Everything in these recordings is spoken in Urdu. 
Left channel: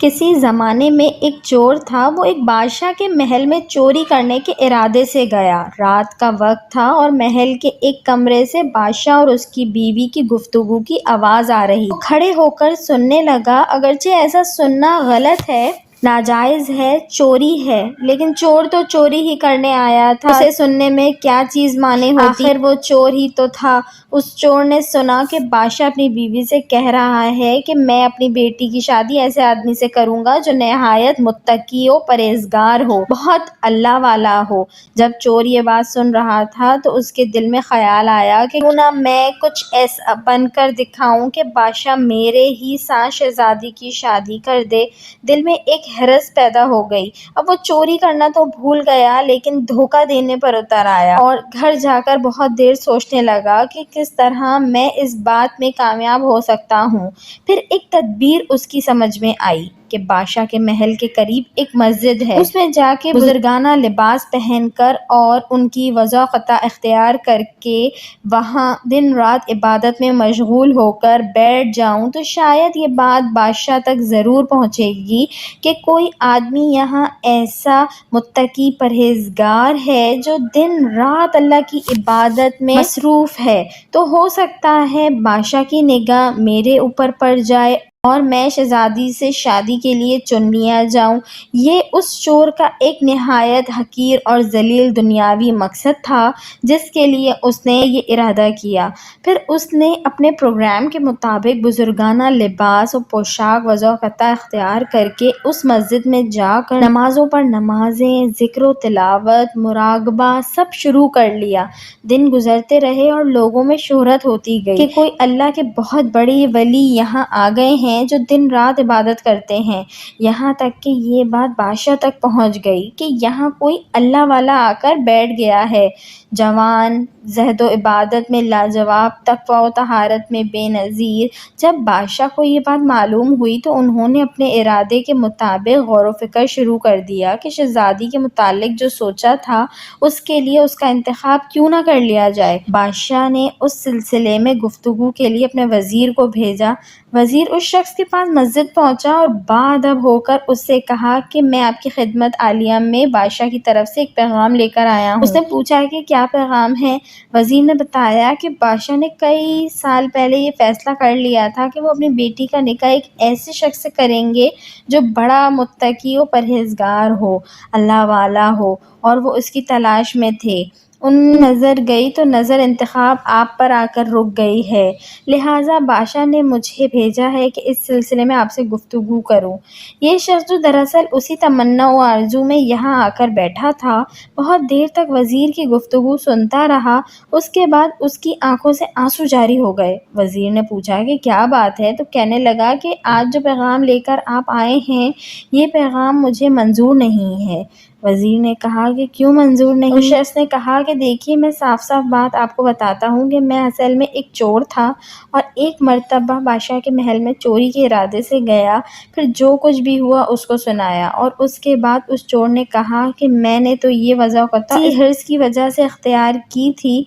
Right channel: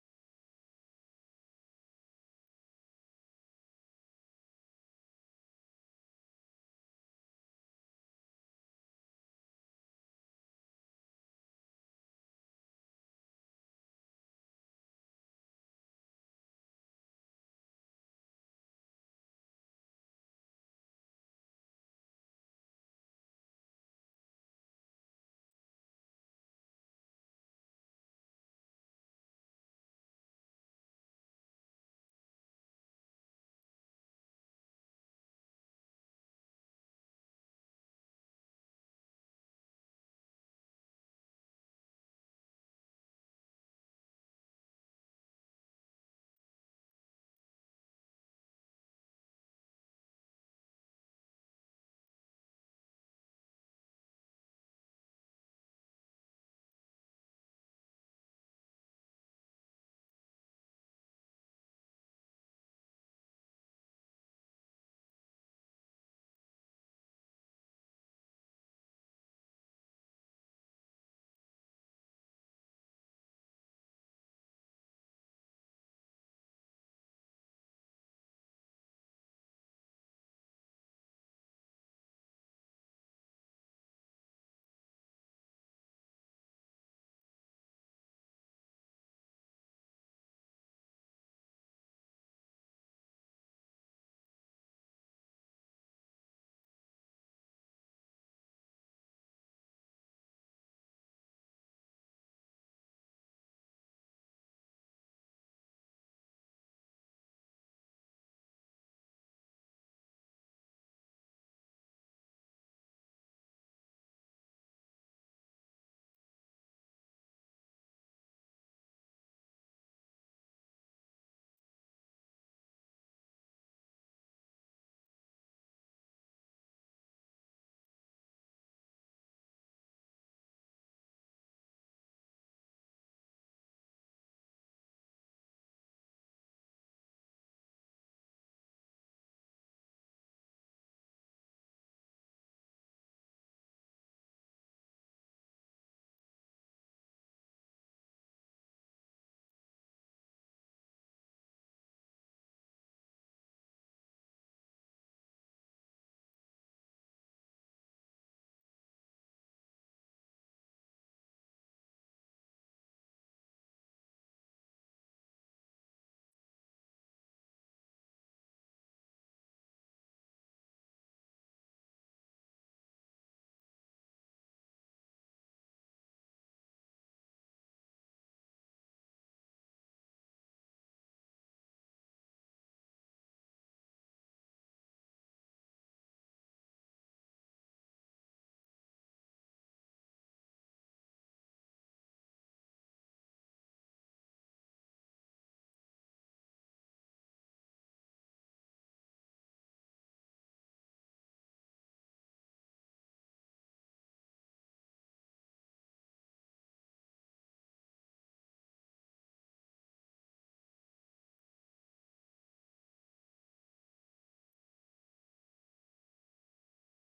کسی زمانے میں ایک چور تھا۔ وہ ایک بادشاہ کے محل میں چوری کرنے کے ارادے سے گیا۔ رات کا وقت تھا اور محل کے ایک کمرے سے بادشاہ اور اس کی بیوی کی گفتگو کی آواز آ رہی تھی۔ وہ کھڑے ہو کر سننے لگا۔ اگرچہ ایسا سننا غلط ہے، ناجائز ہے، چوری ہے، لیکن چور تو چوری ہی کرنے آیا تھا، اسے سننے میں کیا چیز مانے ہوتی، آخر وہ چور ہی تو تھا۔ اس چور نے سنا کہ بادشاہ اپنی بیوی سے کہہ رہا ہے کہ میں اپنی بیٹی کی شادی ایسے آدمی سے کروں گا جو نہایت متقی و پرہیزگار ہو، بہت اللہ والا ہو۔ جب چور یہ بات سن رہا تھا تو اس کے دل میں خیال آیا کہ کیوں نہ میں کچھ ایسا بن کر دکھاؤں کہ بادشاہ میرے ہی ساتھ شہزادی کی شادی کر دے۔ دل میں ایک حرص پیدا ہو گئی۔ اب وہ چوری کرنا تو بھول گیا لیکن دھوکہ دینے پر اتر آیا اور گھر جا کر بہت دیر سوچنے لگا کہ کس طرح میں اس بات میں کامیاب ہو سکتا ہوں۔ پھر ایک تدبیر اس کی سمجھ میں آئی کہ بادشاہ کے محل کے قریب ایک مسجد ہے، اس میں جا کے بزرگانہ لباس پہن کر اور ان کی وضاقتہ اختیار کر کے وہاں دن رات عبادت میں مشغول ہو کر بیٹھ جاؤں تو شاید یہ بات بادشاہ تک ضرور پہنچے گی کہ کوئی آدمی یہاں ایسا متقی پرہیزگار ہے جو دن رات اللہ کی عبادت میں مصروف ہے، تو ہو سکتا ہے بادشاہ کی نگاہ میرے اوپر پڑ جائے اور میں شہزادی سے شادی کے لیے چن لیا جاؤں۔ یہ اس چور کا ایک نہایت حقیر اور ذلیل دنیاوی مقصد تھا جس کے لیے اس نے یہ ارادہ کیا۔ پھر اس نے اپنے پروگرام کے مطابق بزرگانہ لباس و پوشاک وضاقتہ اختیار کر کے اس مسجد میں جا کر نمازوں پر نمازیں، ذکر و تلاوت، مراقبہ سب شروع کر لیا۔ دن گزرتے رہے اور لوگوں میں شہرت ہوتی گئی کہ کوئی اللہ کے بہت بڑے ولی یہاں آ گئے ہیں جو دن رات عبادت کرتے ہیں، یہاں تک کہ یہ بات بادشاہ تک پہنچ گئی کہ یہاں کوئی اللہ والا آ کر بیٹھ گیا ہے، جوان، زہد و عبادت میں لاجواب، تقویٰ و طہارت میں بے نظیر۔ جب بادشاہ کو یہ بات معلوم ہوئی تو انہوں نے اپنے ارادے کے مطابق غور و فکر شروع کر دیا کہ شہزادی کے متعلق جو سوچا تھا اس کے لیے اس کا انتخاب کیوں نہ کر لیا جائے۔ بادشاہ نے اس سلسلے میں گفتگو کے لیے اپنے وزیر کو بھیجا۔ وزیر اس شخص کے پاس مسجد پہنچا اور باادب ہو کر اس سے کہا کہ میں آپ کی خدمت عالیہ میں بادشاہ کی طرف سے ایک پیغام لے کر آیا ہوں۔ اس نے پوچھا کہ کیا پیغام ہے؟ وزیر نے بتایا کہ بادشاہ نے کئی سال پہلے یہ فیصلہ کر لیا تھا کہ وہ اپنی بیٹی کا نکاح ایک ایسے شخص سے کریں گے جو بڑا متقی و پرہیزگار ہو، اللہ والا ہو، اور وہ اس کی تلاش میں تھے۔ ان نظر گئی تو نظر انتخاب آپ پر آ کر رک گئی ہے، لہٰذا بادشاہ نے مجھے بھیجا ہے کہ اس سلسلے میں آپ سے گفتگو کروں۔ یہ شخص جو دراصل اسی تمنا و آرزو میں یہاں آ کر بیٹھا تھا، بہت دیر تک وزیر کی گفتگو سنتا رہا۔ اس کے بعد اس کی آنکھوں سے آنسو جاری ہو گئے۔ وزیر نے پوچھا کہ کیا بات ہے؟ تو کہنے لگا کہ آج جو پیغام لے کر آپ آئے ہیں یہ پیغام مجھے منظور نہیں ہے۔ وزیر نے کہا کہ کیوں منظور نہیں؟ اس شخص نے کہا کہ دیکھیے، میں صاف صاف بات آپ کو بتاتا ہوں کہ میں اصل میں ایک چور تھا اور ایک مرتبہ بادشاہ کے محل میں چوری کے ارادے سے گیا، پھر جو کچھ بھی ہوا اس کو سنایا، اور اس کے بعد اس چور نے کہا کہ میں نے تو یہ وضاقتہ اسی حرص کی وجہ سے اختیار کی تھی،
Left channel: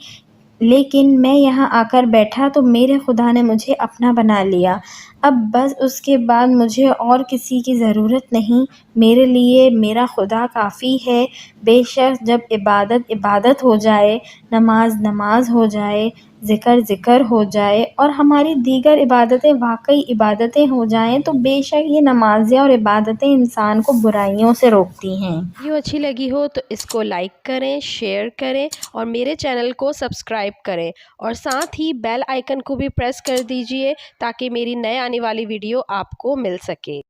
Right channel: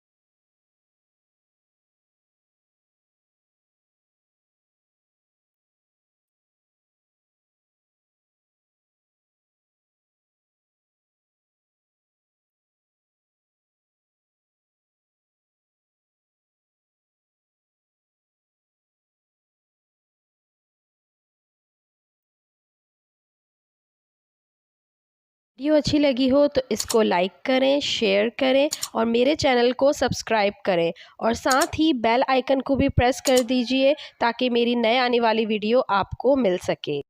لیکن میں یہاں آ کر بیٹھا تو میرے خدا نے مجھے اپنا بنا لیا۔ اب بس اس کے بعد مجھے اور کسی کی ضرورت نہیں، میرے لیے میرا خدا کافی ہے۔ بے شک جب عبادت عبادت ہو جائے، نماز نماز ہو جائے، ذکر ذکر ہو جائے اور ہماری دیگر عبادتیں واقعی عبادتیں ہو جائیں تو بے شک یہ نمازیں اور عبادتیں انسان کو برائیوں سے روکتی ہیں۔ ویڈیو اچھی لگی ہو تو اس کو لائک کریں، شیئر کریں اور میرے چینل کو سبسکرائب کریں اور ساتھ ہی بیل آئیکن کو بھی پریس کر دیجئے تاکہ میری نئے آنے والی ویڈیو آپ کو مل سکے۔